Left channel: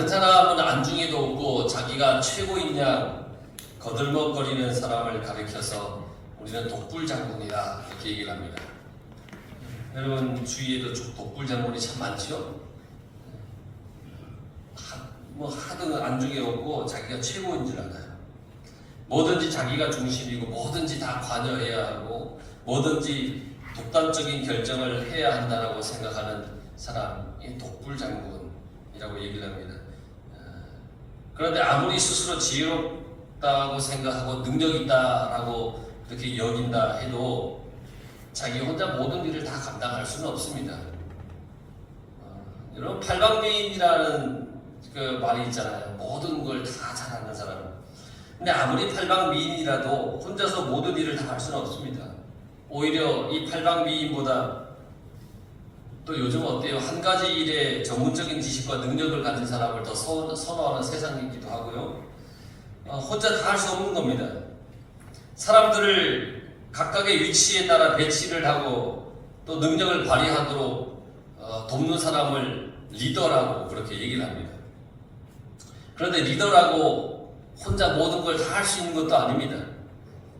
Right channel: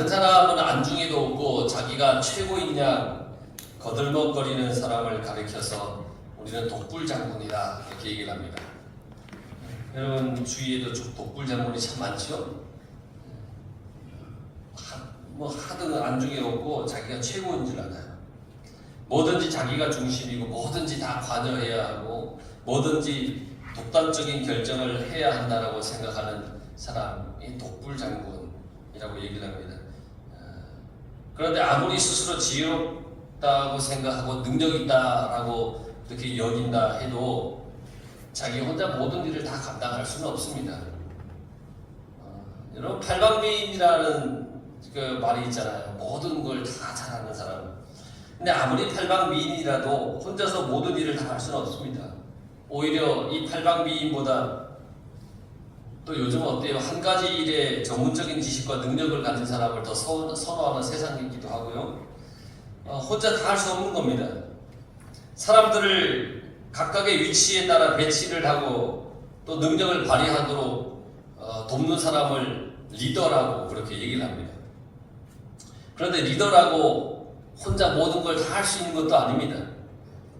다른 사람은 안중에도 없고 자기가 최고인 양 거들먹거리는 사람을 가리켜서 우리는 독불장군이다 이렇게 얘기를 합니다. 여러분 주위에도 독불장군이 참 많죠? 하든 안중에 없고 자기가 최고인 줄 알아요. 뭐든지 자기가 중심이고 뭐든지 다 관여해야 하고 뭐든지 독단적인 결정을 해야 한다고 생각하는 사람이 독불장군이라고 얘기를 합니다. 그런데 아무리 스스로 지혜롭다고 생각하고 능력 있다라고 그렇게 여긴다 해도 자기 혼자 모든 일을 다 감당할 수는 없습니다. 여러분 팔방미인이라는 그 말이 있잖아요. 모든 걸 다 잘하는 사람. 근데 아무리 팔방미인이라도 혼자서 모든 일을 다 할 수는 없습니다. 오히려 이 팔방미인보다 또 요즘 어때요? 한 가지 일에 전문적인 지식과 능력을 가진 사람을 더 선호하는 세상이기도 하고요. 혼자 다 할 수 없는 겁니다. 사람들을 각각의 위치에 따라 배치를 하고 또 능력을 발휘하도록 돕는 사람을 리더라고 그렇게 얘기를 합니다. 그런데 리더라고 혼자 모든 걸 다 할 수 있는 것도 아닙니다.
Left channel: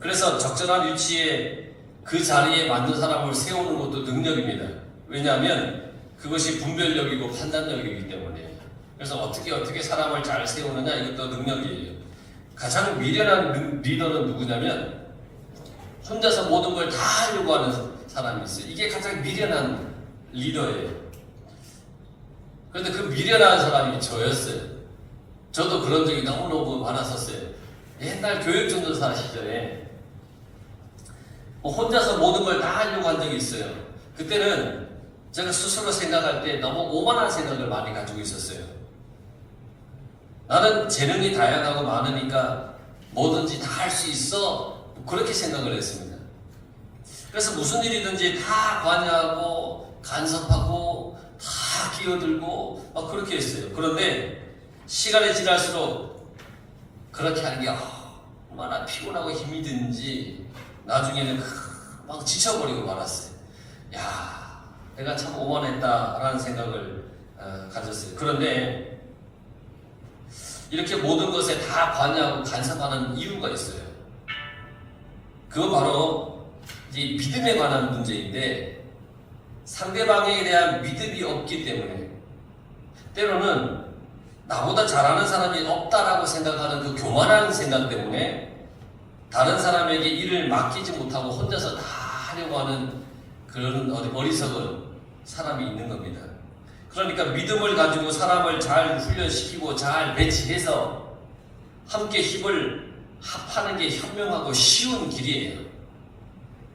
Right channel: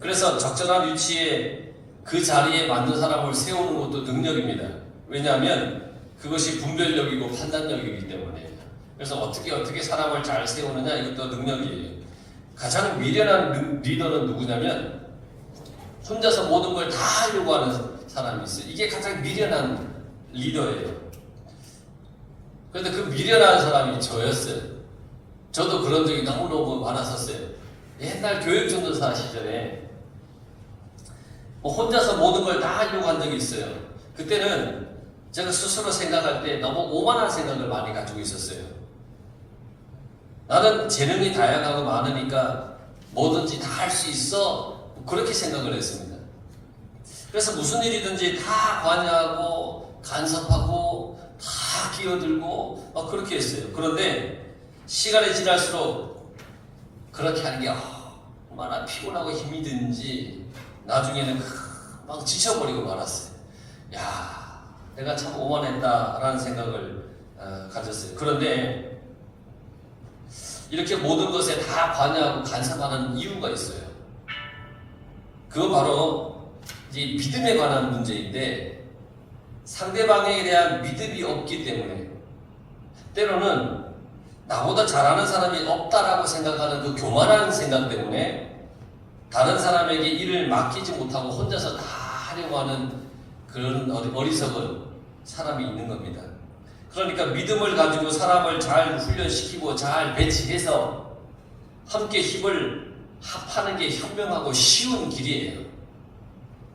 그래서 적절한 위치에 그 자리에 맞는 사람을 세우는 것도 능력입니다. 왜냐하면 그것이 분별력이고 판단력이기 때문에. 그래서 어떻게 사람을 잘 세우느냐 이것도 능력이에요. 가장 미련한 리더는 누구냐면 혼자서 모든 걸 다 하려고 하는 사람이 있어요. 이게 가장 미련한 리더예요. 그런데 그 미련한 사람이 저였어요. 저도 그런 적이 너무너무 많았었어요. 옛날 교육전도사 시절에 혼자서 모든 걸 다 하려고 한 적이 있어요. 그때는 제가 스스로 생각할 때 너무 오만한 생각을 많이 가지고 있었어요. 나는 재능이 다양하고 많으니까 뭐든지 다 할 수 있어. 그렇게 생각을 했습니다. 그래서 무슨 일이든지 다 관여하고 간섭하고 다 끼어들고 그렇게 했어요. 그런데 시간이 지날수록 그렇게 하는 게 얼마나 피곤하고 힘이 드는지 나중에는 막 지쳐버리고 말았어요. 야, 내가 참 오만했다라는 생각을 가졌어요. 그런데 이렇게 모든 것에 다 관여하고 간섭하는 이유가 있어요. 그건 바로 이제 믿음에 관한 문제인데 상대방에 대한 믿음이 없기 때문에 때로는 나보다 잘하는 사람이 없다라고 생각하는 그 교만한 생각 때문에 다른 사람에게 일을 맡기지 못하고 혼자서 다 하려고 하는 그런 어리석은 사람이 있는 겁니다. 그러니까 믿음을 가지고 사람을 잘 훈련시키고 잘 배치해서 함께 힘을 합하는 게 현명하고 쉬운 길이에요.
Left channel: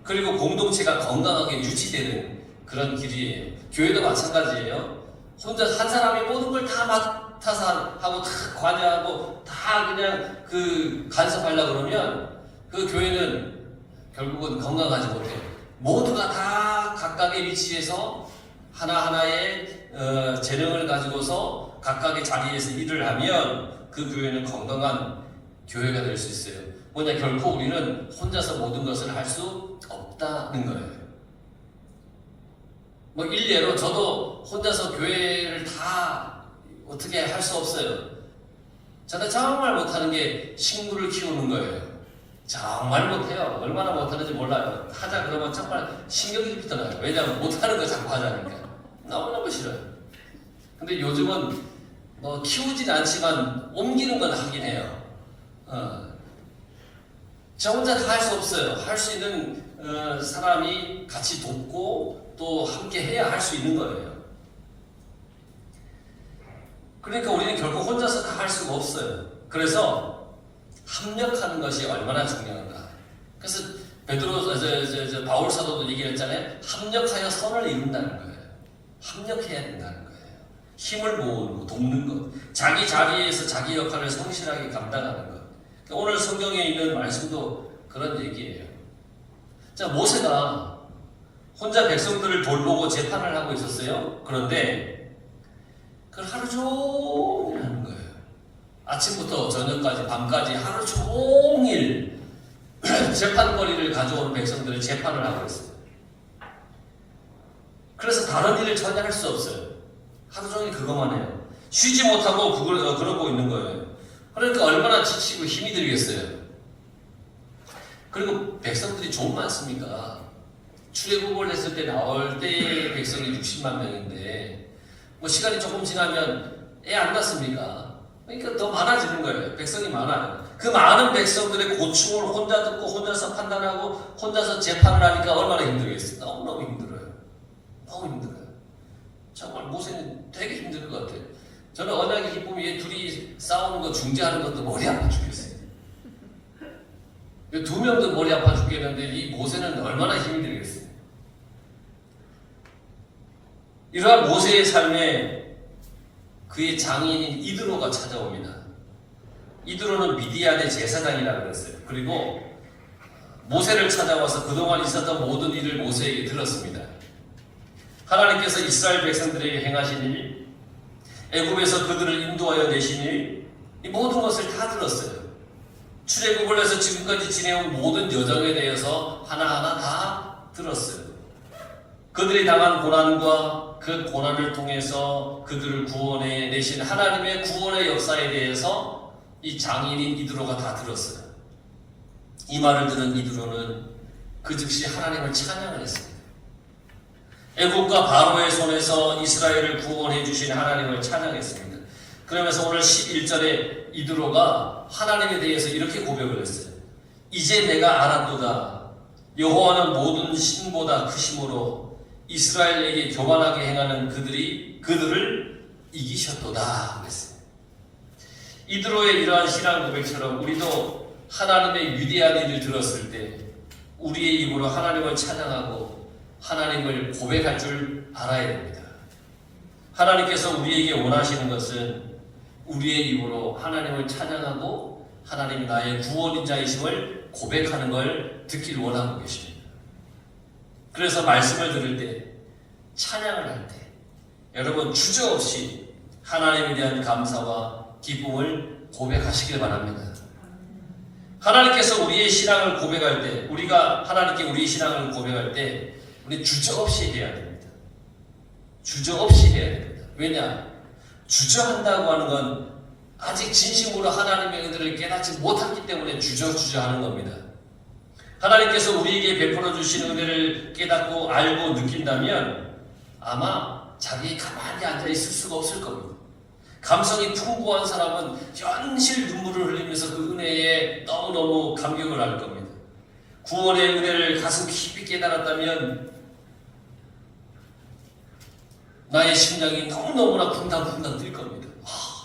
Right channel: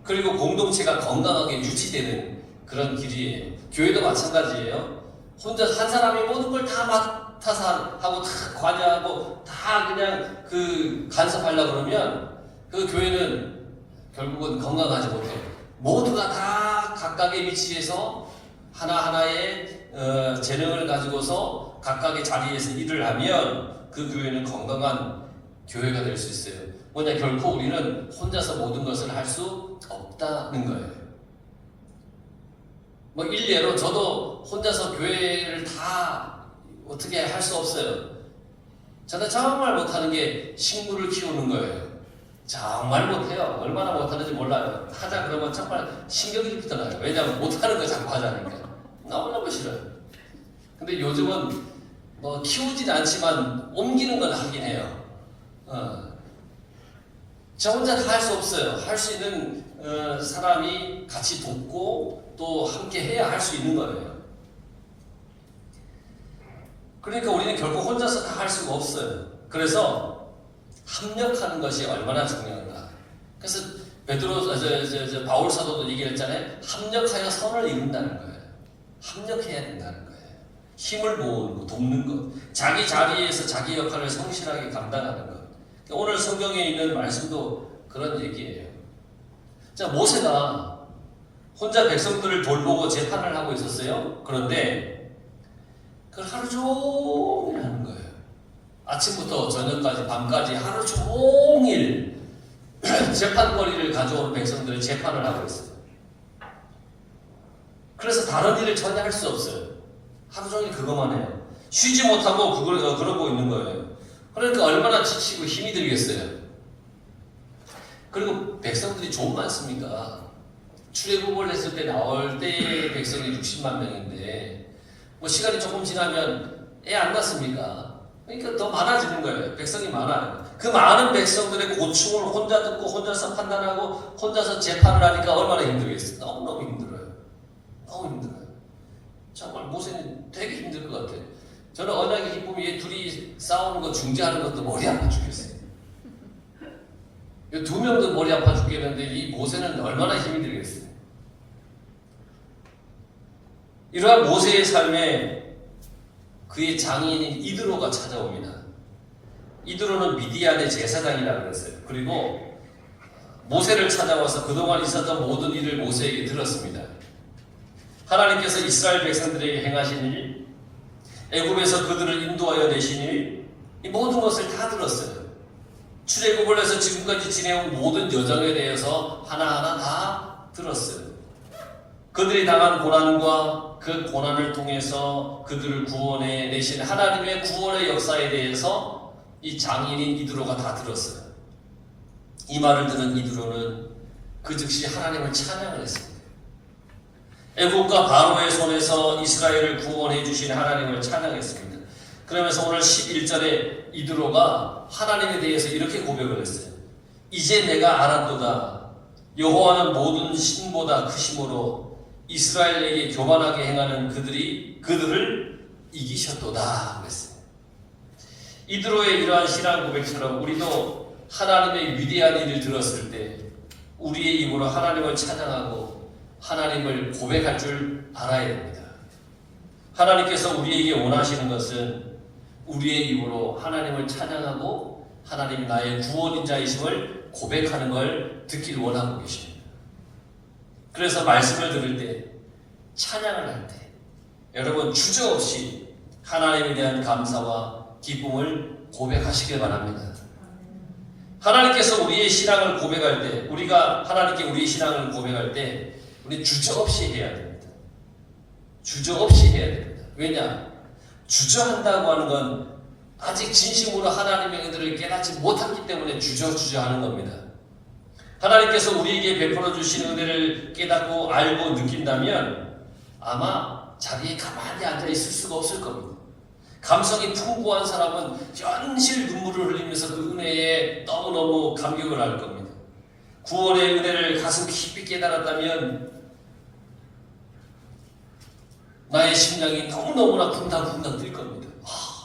그리고 공동체가 건강하게 유지되는 그런 길이에요. 교회도 마찬가지예요. 혼자 한 사람이 모든 걸 다 맡아서 하고 다 관여하고 다 그냥 간섭하려고 그러면 그 교회는 결국은 건강하지 못해요. 모두가 다 각각의 위치에서 하나하나의 재능을 가지고서 각각의 자리에서 일을 하면 그 교회는 건강한 교회가 될 수 있어요. 뭐냐, 결코 우리는 혼자서 모든 것을 할 수 없다는 거예요. 일례로 저도 혼자서 교회를 다 어떻게 할 수 없어요. 저는 정말 못하는 게 식물을 키우는 거예요. 정말 못해요. 얼마나 못하는지 몰라요. 하자 그러면 정말 신경질부터 나요. 왜냐하면 못하는 거 자꾸 하자니까. 너무너무 싫어요. 근데 요즘은 키우진 않지만 옮기는 건 하긴 해요. 저 혼자 다 할 수 없어요. 할 수 있는 사람이 같이 돕고 또 함께 해야 할 수 있는 거예요. 그러니까 우리는 결코 혼자서 다 할 수가 없어요. 그래서 합력하는 것이 얼마나 중요한가. 그래서 바울 사도도 얘기했잖아요. 합력하여 선을 이룬다는 거예요. 합력해야 된다는 거예요. 힘을 모으고 돕는 것, 자기 자리에서 자기 역할을 성실하게 감당하는 것. 오늘 성경에 있는 말씀도 그런 얘기예요. 자, 모세가 혼자 백성들을 돌보고 재판을 하고 있었어요. 그런데 그걸 하루 종일 하는 거예요. 아침부터 저녁까지 밤까지 하루 종일 재판거리를 가져오는 백성들을 재판을 하고 있어요. 그래서 다른 일을 전혀 할 수 없어요. 하루 종일 그것만 해요. 쉬지 못하고 그걸 그러고 있는 거예요. 그러니까 얼마나 지치고 힘이 들겠어요. 그리고 백성들이 좀 많습니까? 출애굽을 했을 때 나올 때의 백성이 60만 명인데 뭐 시간이 조금 지나면 애 안 낳습니까? 그러니까 더 많아지는 거예요. 백성이 많아요. 그 많은 백성들의 고충을 혼자 듣고 혼자서 판단하고 혼자서 재판을 하니까 얼마나 힘들겠어요. 너무너무 힘들어요. 너무 힘들어요. 정말 모세는 되게 힘들 것 같아요. 저는 언약의 기쁨이 둘이 싸우는 거 중재하는 것도 머리 아파 죽겠어요. 두 명도 머리 아파 죽겠는데 이 모세는 얼마나 힘이 들겠어요. 이러한 모세의 삶에 그의 장인인 이드로가 찾아옵니다. 이드로는 미디안의 제사장이라고 그랬어요. 그리고 모세를 찾아와서 그동안 있었던 모든 일을 모세에게 들었습니다. 하나님께서 이스라엘 백성들에게 행하신 일, 애굽에서 그들을 인도하여 내신 일, 이 모든 것을 다 들었어요. 출애굽을 해서 지금까지 지내온 모든 여정에 대해서 하나하나 다 들었어요. 그들이 당한 고난과 그 고난을 통해서 그들을 구원해 내신 하나님의 구원의 역사에 대해서 이 장인인 이드로가 다 들었어요. 이 말을 들은 이드로는 그 즉시 하나님을 찬양을 했습니다. 애국과 바로의 손에서 이스라엘을 구원해 주신 하나님을 찬양했습니다. 그러면서 오늘 11절에 이드로가 하나님에 대해서 이렇게 고백을 했어요. 이제 내가 알았도다. 여호와는 모든 신보다 크심으로 이스라엘에게 교만하게 행하는 그들을 이기셨도다 그랬어요. 이드로의 이러한 신앙 고백처럼 우리도 하나님의 위대한 일을 들었을 때 우리의 입으로 하나님을 찬양하고 하나님을 고백할 줄 알아야 됩니다. 하나님께서 우리에게 원하시는 것은 우리의 입으로 하나님을 찬양하고 하나님이 나의 구원자이심을 고백하는 걸 듣길 원하고 계십니다. 그래서 말씀을 들을 때, 찬양을 할 때 여러분 주저없이 하나님에 대한 감사와 기쁨을 고백하시길 바랍니다. 하나님께서 우리의 신앙을 고백할 때, 우리가 하나님께 우리의 신앙을 고백할 때 우리 주저없이 해야 됩니다. 주저없이 해야 됩니다. 왜냐? 주저한다고 하는 건 아직 진심으로 하나님의 은혜를 깨닫지 못했기 때문에 주저하는 겁니다. 하나님께서 우리에게 베풀어 주신 은혜를 깨닫고 알고 느낀다면 아마 자기 가만히 앉아 있을 수가 없을 겁니다. 감성이 풍부한 사람은 현실 눈물을 흘리면서 그 은혜에 너무너무 감격을 할 겁니다. 구원의 은혜를 가슴 깊이 깨달았다면 나의 심장이 너무너무나 쿵당쿵당 뛸 겁니다.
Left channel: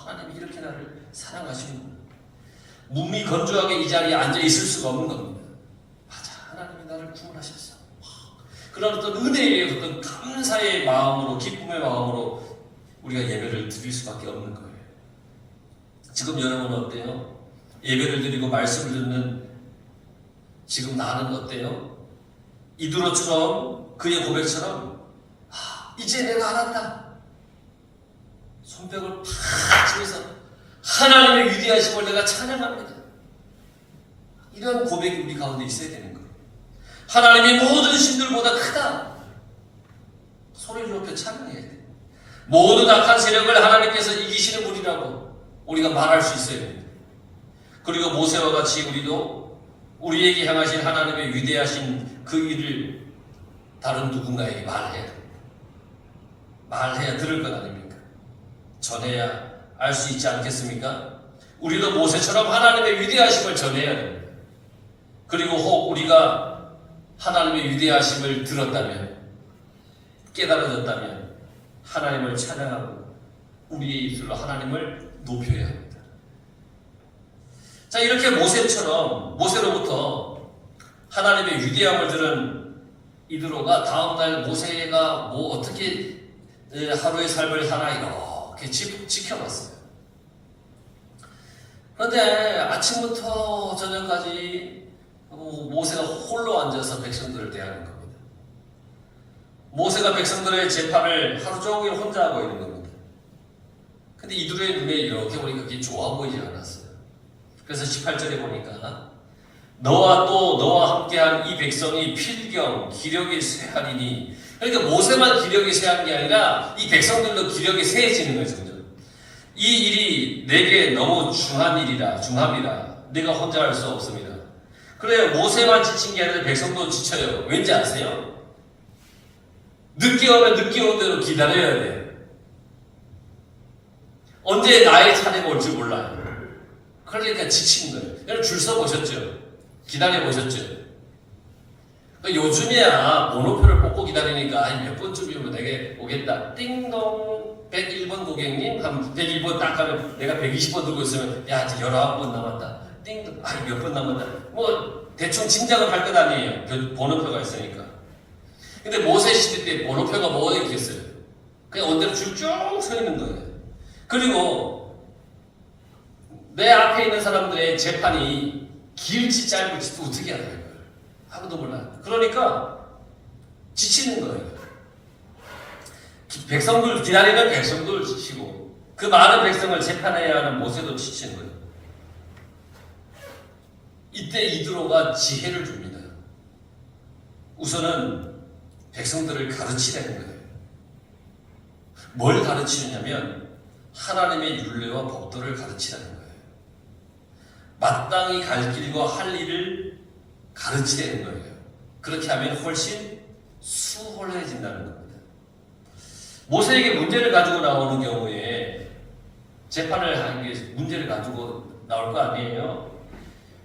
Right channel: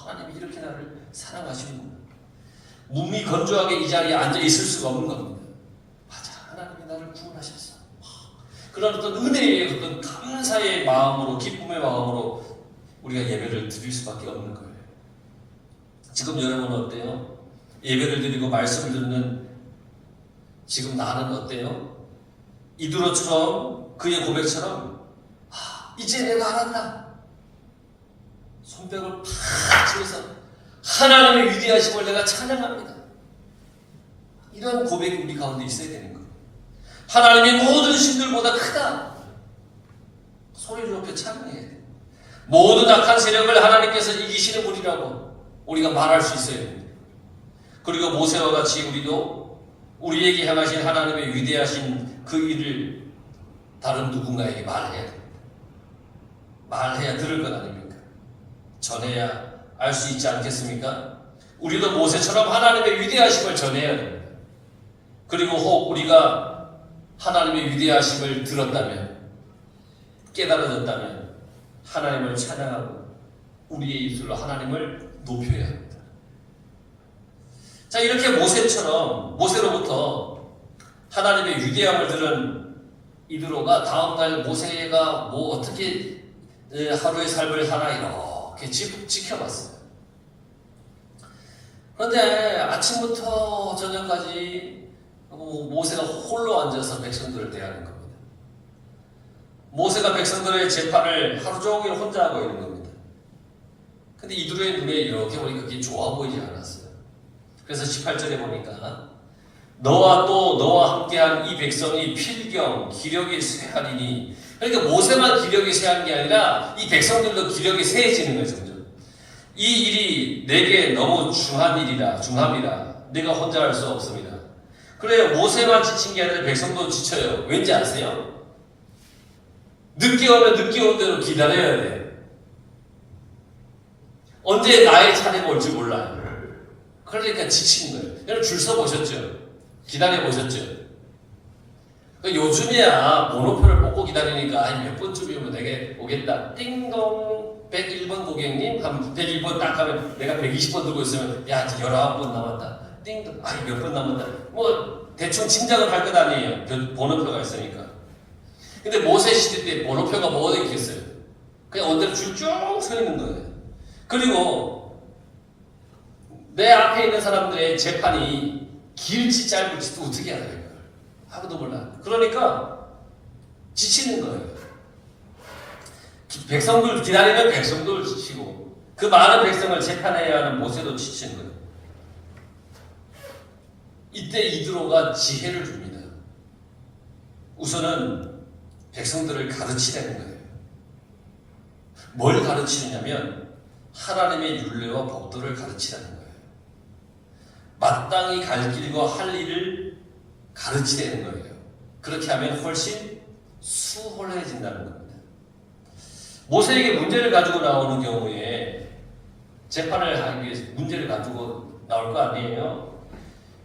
하나님 이렇게 나를 사랑하시는구나. 몸이 건조하게 이 자리에 앉아 있을 수가 없는 겁니다. 맞아, 하나님이 나를 구원하셨어. 그런 어떤 은혜의 어떤 감사의 마음으로, 기쁨의 마음으로 우리가 예배를 드릴 수밖에 없는 거예요. 지금 여러분은 어때요? 예배를 드리고 말씀을 듣는 지금 나는 어때요? 이드로처럼 그의 고백처럼 이제 내가 알았다. 손뼉을 팍 치면서 하나님의 위대하심을 내가 찬양합니다. 이런 고백이 우리 가운데 있어야 되는 거예요. 하나님이 모든 신들보다 크다. 소리를 높여 찬양해야 돼요. 모든 악한 세력을 하나님께서 이기시는 분이라고 우리가 말할 수 있어야 됩니다. 그리고 모세와 같이 우리도 우리에게 향하신 하나님의 위대하신 그 일을 다른 누군가에게 말해야 됩니다. 말해야 들을 것 아닙니까? 전해야 알 수 있지 않겠습니까? 우리도 모세처럼 하나님의 위대하심을 전해야 됩니다. 그리고 혹 우리가 하나님의 위대하심을 들었다면, 깨달아졌다면 하나님을 찬양하고 우리의 입술로 하나님을 높여야 합니다. 자, 이렇게 모세로부터 하나님의 위대함을 들은 이드로가 다음날 모세가 뭐 어떻게 하루의 삶을 하나 이렇게 지켜봤어요. 그런데 아침부터 저녁까지 모세가 홀로 앉아서 백성들을 대하는 겁니다. 모세가 백성들의 재판을 하루 종일 혼자 하고 있는 겁니다. 근데 이드로의 눈에 이렇게 보니까 그게 좋아 보이지 않았어요. 그래서 18절에 보니까 너와 함께한 이 백성이 필경 기력이 쇠하리니, 그러니까 모세만 기력이 쇠한 게 아니라 이 백성들도 기력이 쇠해지는 거죠. 이 일이 내게 너무 중함이라 내가 혼자 할 수 없습니다. 그래요. 모세만 지친 게 아니라 백성도 지쳐요. 왠지 아세요? 늦게 오면 늦게 온 대로 기다려야 돼. 언제 나의 차례가 올지 몰라. 그러니까 지치는 거예요. 여러분 줄 서 보셨죠? 기다려 보셨죠? 요즘에야 번호표를 뽑고 기다리니까 한 몇 번쯤이면 내게 오겠다. 띵동 101번 고객님 한 101번 딱 하면 내가 120번 들고 있으면 야 이제 19번 남았다. 띵동 몇 번 남았다. 뭐 대충 짐작을 할 것 아니에요. 그 번호표가 있으니까. 근데 모세 시대 때 번호표가 뭐가 있겠어요? 그냥 언제나 줄 쭉 서 있는 거예요. 그리고 내 앞에 있는 사람들의 재판이 길지 짧을지도 어떻게 알아요? 아무도 몰라. 그러니까 지치는 거예요. 백성들 기다리면 백성들 지치고 그 많은 백성을 재판해야 하는 모세도 지치는 거예요. 이때 이드로가 지혜를 줍니다. 우선은 백성들을 가르치라는 거예요. 뭘 가르치느냐면 하나님의 율례와 법도를 가르치라는 거예요. 마땅히 갈 길과 할 일을 가르치라는 거예요. 그렇게 하면 훨씬 수월해진다는 겁니다. 모세에게 문제를 가지고 나오는 경우에 재판을 하기 위해서 문제를 가지고 나올 거 아니에요?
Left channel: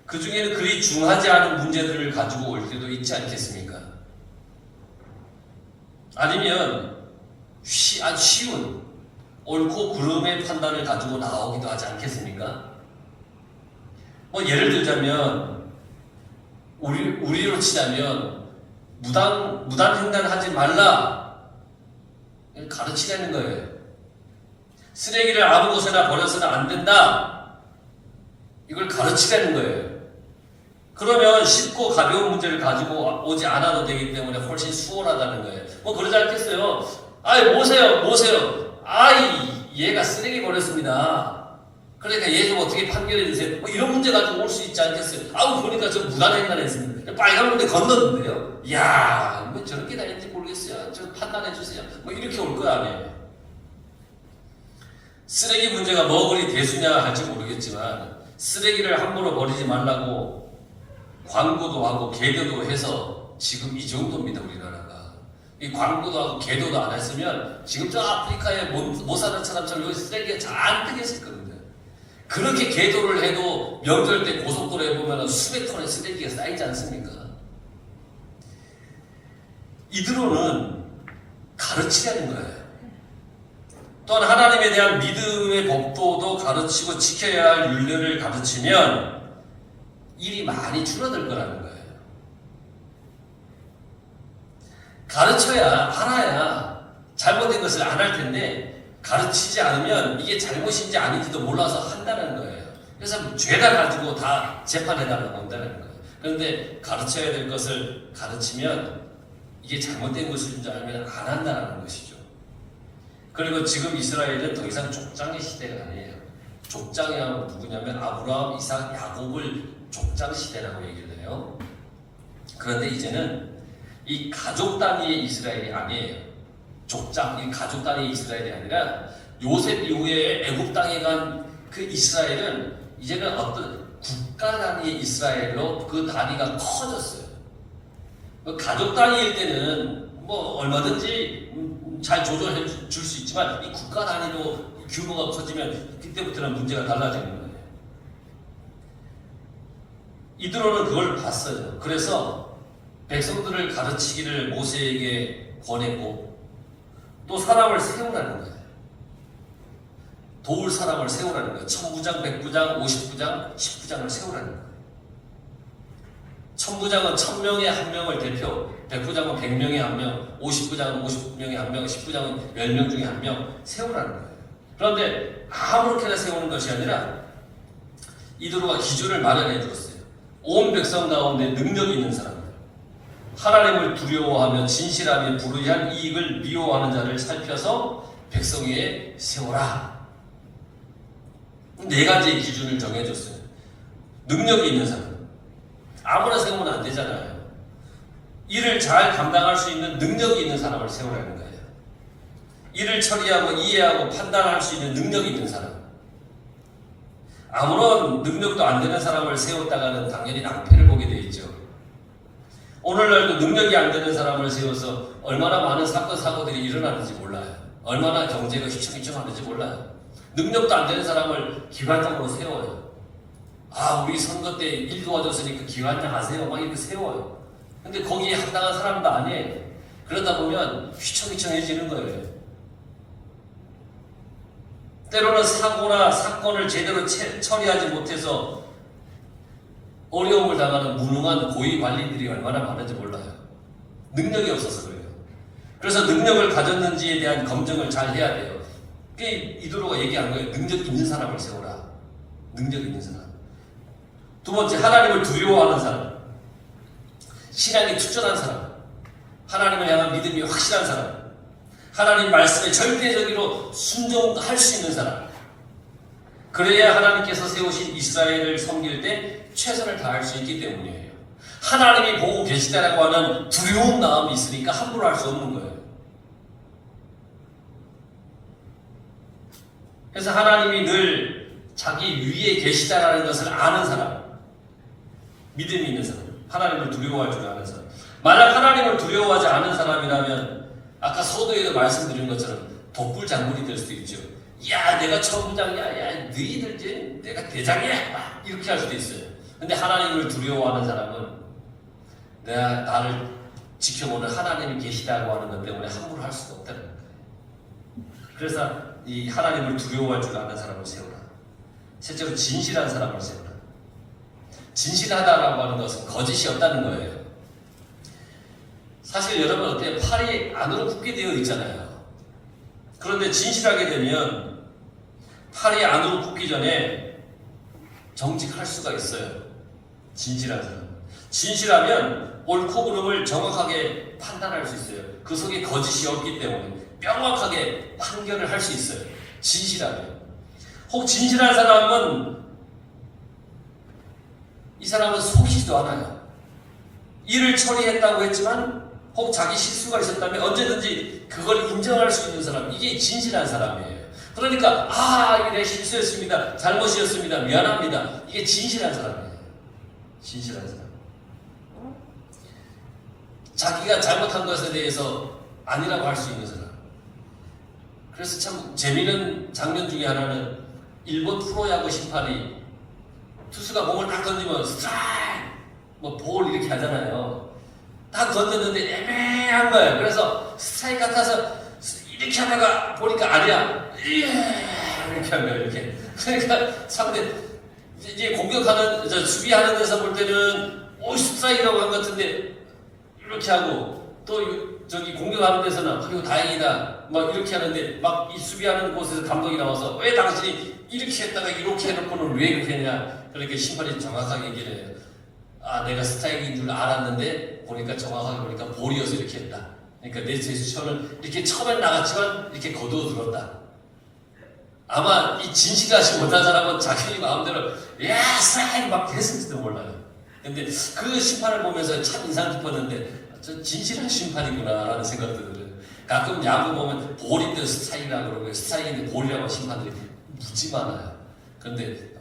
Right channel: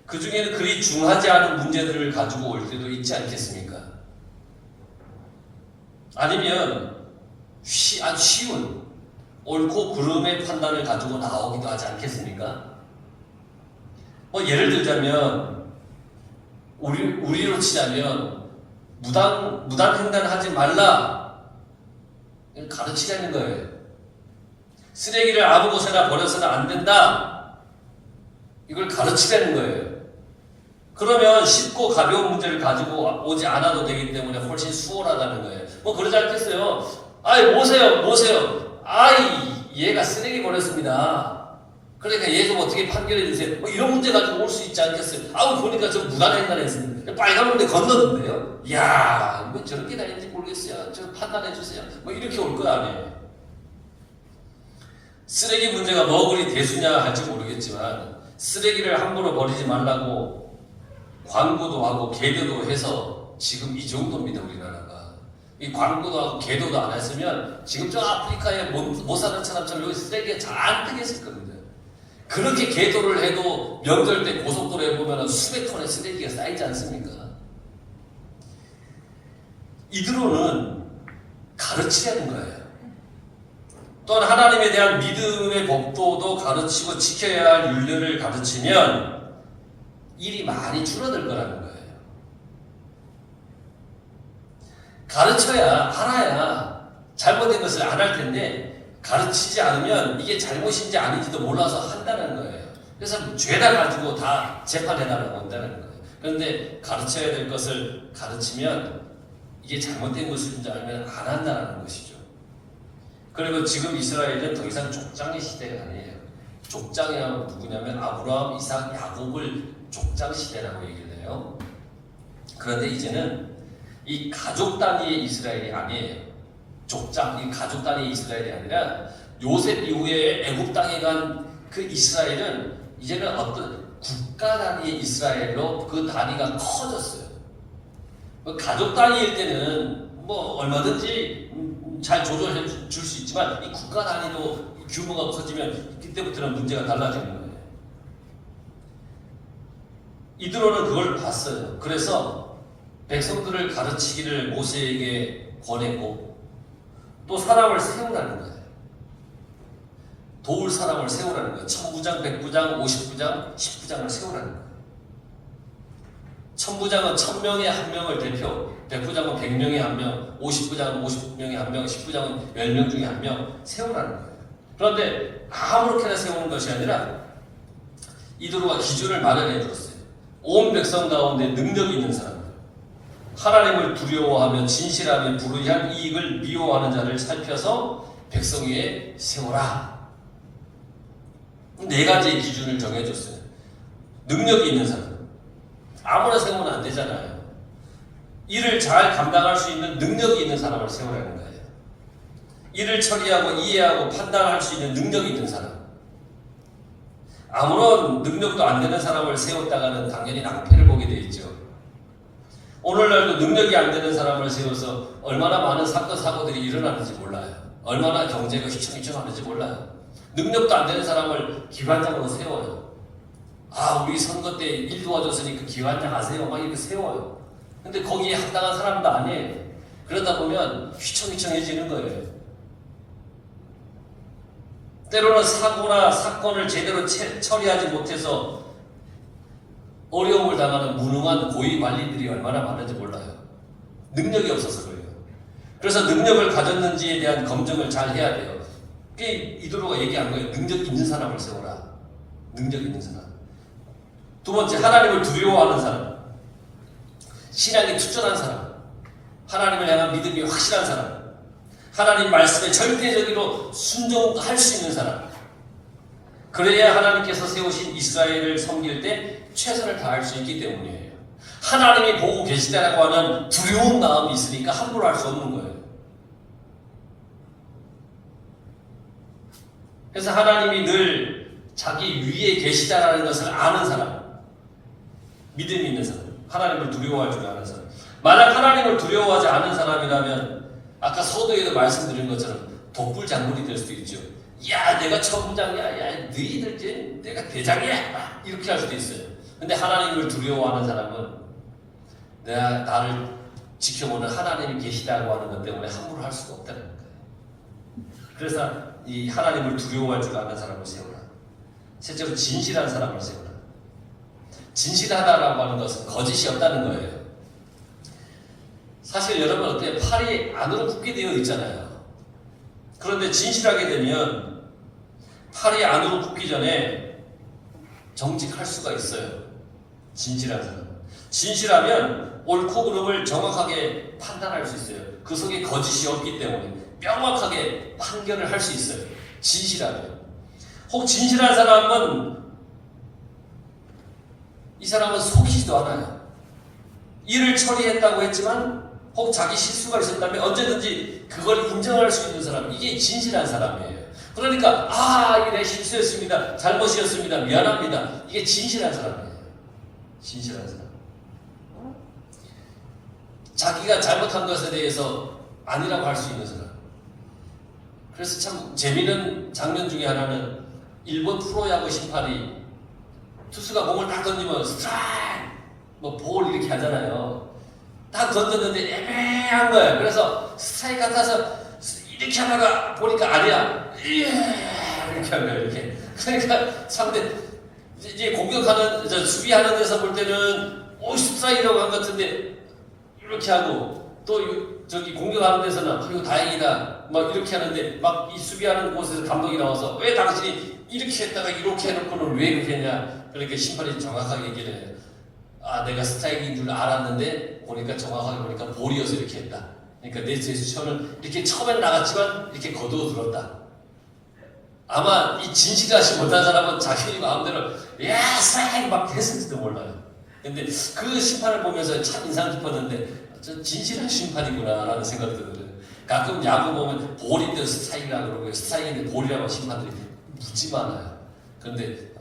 그 중에는 그리 중하지 않은 문제들을 가지고 올 때도 있지 않겠습니까? 아니면 아주 쉬운 옳고 그름의 판단을 가지고 나오기도 하지 않겠습니까? 뭐 예를 들자면 우리로 치자면 무단 횡단을 하지 말라 가르치라는 거예요. 쓰레기를 아무 곳에나 버려서는 안 된다. 이걸 가르치라는 거예요. 그러면 쉽고 가벼운 문제를 가지고 오지 않아도 되기 때문에 훨씬 수월하다는 거예요. 뭐 그러지 않겠어요? 아이 모세요. 얘가 쓰레기 버렸습니다. 그러니까 얘 좀 어떻게 판결해 주세요. 뭐 이런 문제 가지고 올 수 있지 않겠어요? 보니까 좀 무단횡단했습니다. 빨간 문제 건넜는데요. 이야, 뭐 저렇게 다녔는지 모르겠어요. 좀 판단해 주세요. 뭐 이렇게 올 거 아니에요. 쓰레기 문제가 뭐 그리 대수냐 할지 모르겠지만 쓰레기를 함부로 버리지 말라고 광고도 하고 계교도 해서 지금 이 정도입니다. 우리나라가. 이 광고도 하고 계도도 안 했으면 지금 저 아프리카에 못 사는 사람처럼 여기 쓰레기가 잔뜩 있을 겁니다. 그렇게 계도를 해도 명절 때 고속도로에 보면 수백 톤의 쓰레기가 쌓이지 않습니까? 이들로는 가르치라는 거예요. 또한 하나님에 대한 믿음의 법도도 가르치고 지켜야 할 율례를 가르치면 일이 많이 줄어들 거라는 거예요. 가르쳐야 알아야 잘못된 것을 안 할 텐데 가르치지 않으면 이게 잘못인지 아닌지도 몰라서 한다는 거예요. 그래서 죄다 가지고 다 재판해달라고 한다는 거예요. 그런데 가르쳐야 될 것을 가르치면 이게 잘못된 것인지 알면 안 한다는 것이죠. 그리고 지금 이스라엘은 더 이상 족장의 시대가 아니에요. 족장이 누구냐면 아브라함, 이삭, 야곱을 족장 시대라고 얘기를 해요. 그런데 이제는 이 가족 단위의 이스라엘이 아니에요. 족장, 이 가족 단위의 이스라엘이 아니라 요셉 이후에 애굽 땅에 간 그 이스라엘은 이제는 어떤 국가 단위의 이스라엘로 그 단위가 커졌어요. 가족 단위일 때는 뭐 얼마든지 잘 조절해 줄 수 있지만 이 국가 단위로 규모가 커지면 그때부터는 문제가 달라지는 거예요. 이드로는 그걸 봤어요. 그래서 백성들을 가르치기를 모세에게 권했고 또 사람을 세우라는 거예요. 도울 사람을 세우라는 거예요. 1000부장, 100부장, 50부장, 10부장을 세우라는 거예요. 1000부장은 1000명에 한 명을 대표, 100부장은 100명에 한 명, 50부장은 50명에 한 명, 10부장은 10명 중에 한 명 세우라는 거예요. 그런데 아무렇게나 세우는 것이 아니라 이드로가 기준을 마련해 주었어요. 온 백성 가운데 능력이 있는 사람, 하나님을 두려워하며 진실하며 불의한 이익을 미워하는 자를 살펴서 백성 위에 세우라. 네 가지의 기준을 정해줬어요. 능력이 있는 사람. 아무나 세우면 안 되잖아요. 일을 잘 감당할 수 있는 능력이 있는 사람을 세우라는 거예요. 일을 처리하고 이해하고 판단할 수 있는 능력이 있는 사람. 아무런 능력도 안 되는 사람을 세웠다가는 당연히 낭패를 보게 돼 있죠. 오늘날도 능력이 안 되는 사람을 세워서 얼마나 많은 사건 사고들이 일어나는지 몰라요. 얼마나 경제가 휘청휘청하는지 몰라요. 능력도 안 되는 사람을 기관장으로 세워요. 아, 우리 선거 때 일 도와줬으니까 기관장 하세요. 막 이렇게 세워요. 근데 거기에 합당한 사람도 아니에요. 그러다 보면 휘청휘청해지는 거예요. 때로는 사고나 사건을 제대로 처리하지 못해서 어려움을 당하는 무능한 고위 관리들이 얼마나 많은지 몰라요. 능력이 없어서 그래요. 그래서 능력을 가졌는지에 대한 검증을 잘 해야 돼요. 이도로가 얘기한 거예요. 능력 있는 사람을 세워라. 능력 있는 사람. 두 번째, 하나님을 두려워하는 사람. 신앙이 투철한 사람. 하나님을 향한 믿음이 확실한 사람. 하나님 말씀에 절대적으로 순종할 수 있는 사람. 그래야 하나님께서 세우신 이스라엘을 섬길 때 최선을 다할 수 있기 때문이에요. 하나님이 보고 계시다라고 하는 두려운 마음이 있으니까 함부로 할 수 없는 거예요. 그래서 하나님이 늘 자기 위에 계시다라는 것을 아는 사람, 믿음이 있는 사람, 하나님을 두려워할 줄 아는 사람. 만약 하나님을 두려워하지 않은 사람이라면 아까 서도에도 말씀드린 것처럼 독불장군이 될 수도 있죠. 야, 내가 천부장이야. 야, 너희들 이제 내가 대장이야. 이렇게 할 수도 있어요. 근데 하나님을 두려워하는 사람은 내가 나를 지켜보는 하나님이 계시다고 하는 것 때문에 함부로 할 수가 없다는 거예요. 그래서 이 하나님을 두려워할 줄 아는 사람을 세우라. 실제로 진실한 사람을 세우라. 진실하다라고 하는 것은 거짓이 없다는 거예요. 사실 여러분 어때요? 팔이 안으로 굽게 되어 있잖아요. 그런데 진실하게 되면 팔이 안으로 굽기 전에 정직할 수가 있어요. 진실한 사람. 진실하면 옳고 그름을 정확하게 판단할 수 있어요. 그 속에 거짓이 없기 때문에 명확하게 판결을 할 수 있어요. 진실하면. 혹 진실한 사람은 이 사람은 속이지도 않아요. 일을 처리했다고 했지만 혹 자기 실수가 있었다면 언제든지 그걸 인정할 수 있는 사람, 이게 진실한 사람이에요. 그러니까 이게 내 실수였습니다. 잘못이었습니다. 미안합니다. 이게 진실한 사람이에요. 진실한 사람. 자기가 잘못한 것에 대해서 아니라고 할 수 있는 사람. 그래서 참 재미있는 장면 중에 하나는 일본 프로야구 심판이 투수가 몸을 딱 던지면 스트라이크, 볼 이렇게 하잖아요. 딱 던졌는데 애매한 거예요. 그래서 스트라이크 같아서 이렇게 하다가 보니까 아니야. 이렇게 하는 거예요. 이렇게. 그러니까 상대 이제 공격하는 수비하는 데서 볼 때는 스트라이크라고 한 것 같은데 이렇게 하고 또 저기 공격하는 데서는 이거 다행이다 막 이렇게 하는데 막 이 수비하는 곳에서 감독이 나와서 왜 당신이 이렇게 했다가 이렇게 해놓고는 왜 이렇게 했냐. 그렇게 심판이 정확하게 얘기를 해요. 내가 스트라이크인 줄 알았는데 보니까 정확하게 보니까 볼이어서 이렇게 했다. 그러니까 내 제스처는 이렇게 처음엔 나갔지만 이렇게 거두어 들었다. 아마 이 진실하지 못한 사람은 자신이 마음대로 스트라이크 막 했을지도 몰라요. 근데 그 심판을 보면서 참 인상 깊었는데 저 진실한 심판이구나 라는 생각이 들어요. 가끔 야구 보면 볼인데 스트라이크라고 그러고 스트라이크인데 볼이라고 심판들이 무지 많아요. 그런데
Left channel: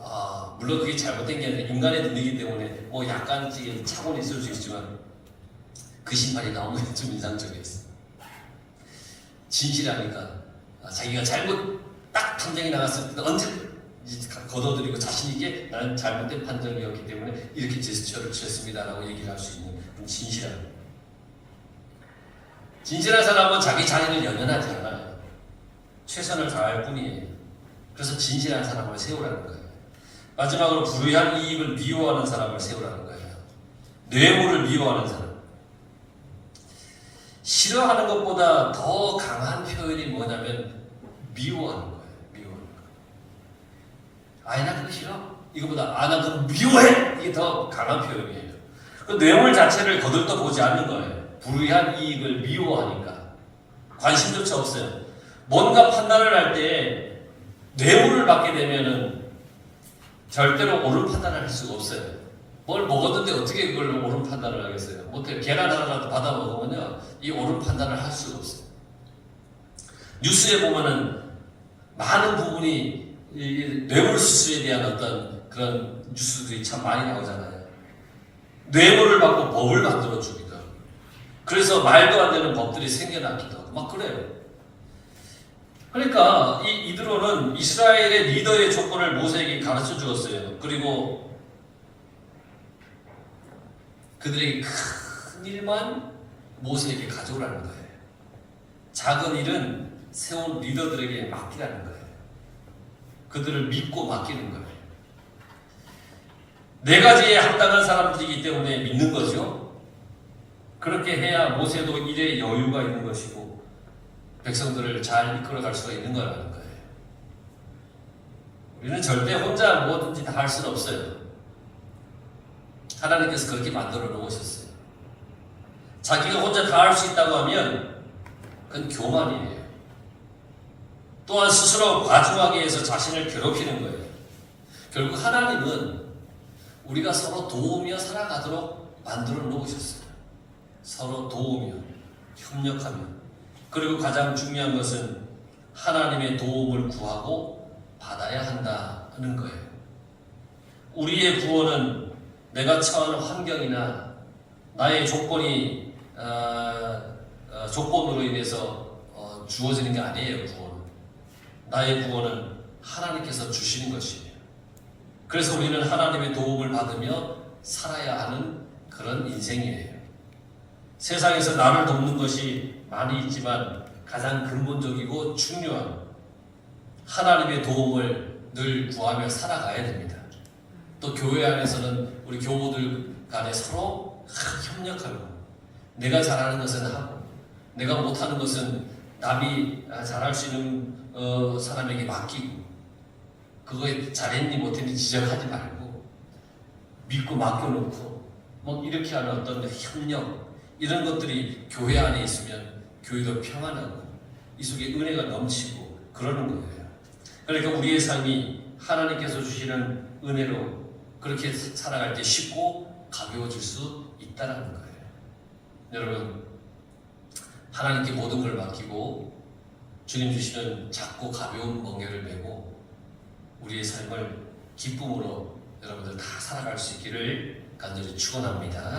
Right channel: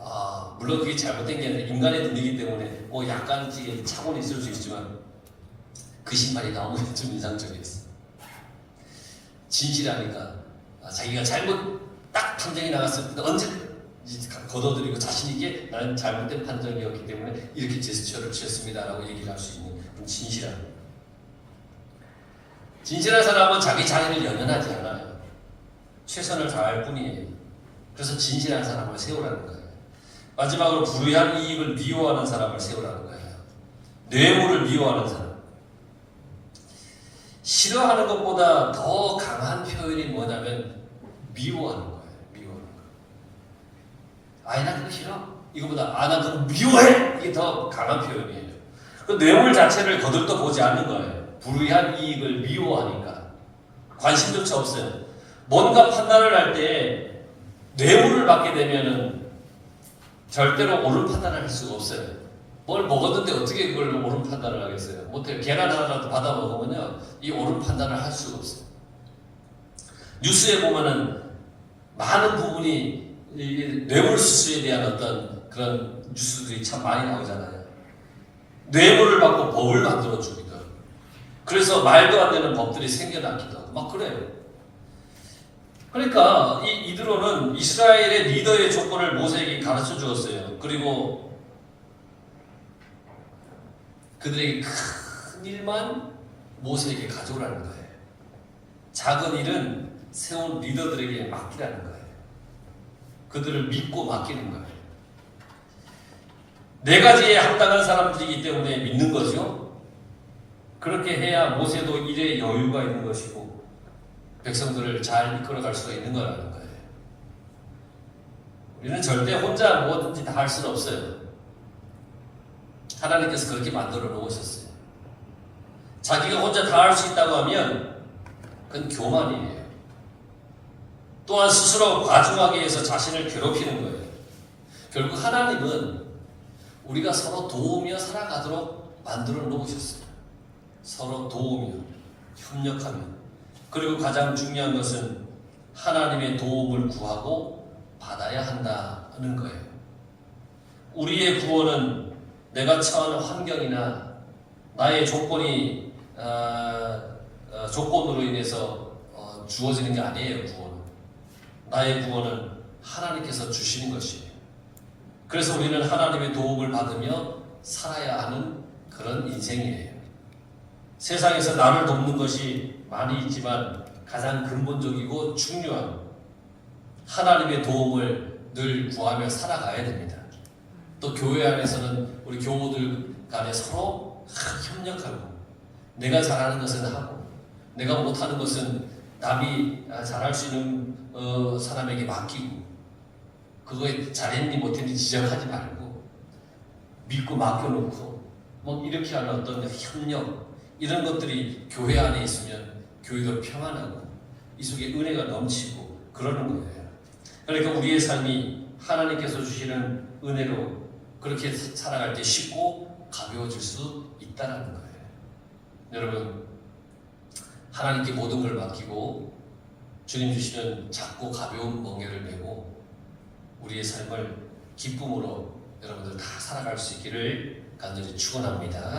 물론 그게 잘못된 게 아니라 인간의 눈이기 때문에 약간 차원이 있을 수 있지만 그 심판이 너무 좀 인상적이었어요. 진실하니까 자기가 잘못 딱 판정이 나갔을 때 언제 걷어들이고 자신에게 나는 잘못된 판정이었기 때문에 이렇게 제스처를 취했습니다라고 얘기를 할 수 있는 진실한 사람은 자기 자신을 연연하지 않아요. 최선을 다할 뿐이에요. 그래서 진실한 사람을 세우라는 거예요. 마지막으로 불의한 이익을 미워하는 사람을 세우라는 거예요. 뇌물을 미워하는 사람. 싫어하는 것보다 더 강한 표현이 뭐냐면 미워하는 거예요. 미워하는 거예요. 나 그거 싫어. 이거보다 나 그거 미워해. 이게 더 강한 표현이에요. 그 뇌물 자체를 거들떠 보지 않는 거예요. 불의한 이익을 미워하니까 관심조차 없어요. 뭔가 판단을 할 때 뇌물을 받게 되면은 절대로 옳은 판단을 할 수가 없어요. 뭘 먹었는데 어떻게 그걸 옳은 판단을 하겠어요? 못해요. 계란 하나라도 받아 먹으면요, 이 옳은 판단을 할 수가 없어요. 뉴스에 보면은 많은 부분이 이 뇌물수수에 대한 어떤 그런 뉴스들이 참 많이 나오잖아요. 뇌물을 받고 법을 만들어 주기도 하고, 그래서 말도 안 되는 법들이 생겨나기도 하고 막 그래요. 그러니까 이드로는 이스라엘의 리더의 조건을 모세에게 가르쳐 주었어요. 그리고 그들에게 큰 일만 모세에게 가져오라는 거예요. 작은 일은 세운 리더들에게 맡기라는 거예요. 그들을 믿고 맡기는 거예요. 네 가지에 합당한 사람들이기 때문에 믿는 거죠. 그렇게 해야 모세도 일에 여유가 있는 것이고 백성들을 잘 이끌어갈 수가 있는 거라는 거예요. 우리는 절대 혼자 뭐든지 다 할 수는 없어요. 하나님께서 그렇게 만들어 놓으셨어요. 자기가 혼자 다 할 수 있다고 하면 그건 교만이에요. 또한 스스로 과중하게 해서 자신을 괴롭히는 거예요. 결국 하나님은 우리가 서로 도우며 살아가도록 만들어 놓으셨어요. 서로 도우며 협력하며, 그리고 가장 중요한 것은 하나님의 도움을 구하고 받아야 한다는 거예요. 우리의 구원은 내가 처한 환경이나 나의 조건으로 인해서 주어지는 게 아니에요. 구원은, 나의 구원은 하나님께서 주시는 것이에요. 그래서 우리는 하나님의 도움을 받으며 살아야 하는 그런 인생이에요. 세상에서 나를 돕는 것이 많이 있지만 가장 근본적이고 중요한 하나님의 도움을 늘 구하며 살아가야 됩니다. 또 교회 안에서는 우리 교우들 간에 서로 협력하고, 내가 잘하는 것은 하고 내가 못하는 것은 남이 잘할 수 있는 사람에게 맡기고, 그거에 잘했니 못했니 지적하지 말고 믿고 맡겨놓고 뭐 이렇게 하는 어떤 협력, 이런 것들이 교회 안에 있으면 교회도 평안하고 이 속에 은혜가 넘치고 그러는 거예요. 그러니까 우리의 삶이 하나님께서 주시는 은혜로 그렇게 살아갈 때 쉽고 가벼워질 수 있다는 거예요. 여러분, 하나님께 모든 걸 맡기고 주님 주시는 작고 가벼운 멍에를 메고 우리의 삶을 기쁨으로 여러분들 다 살아갈 수 있기를 간절히 축원합니다.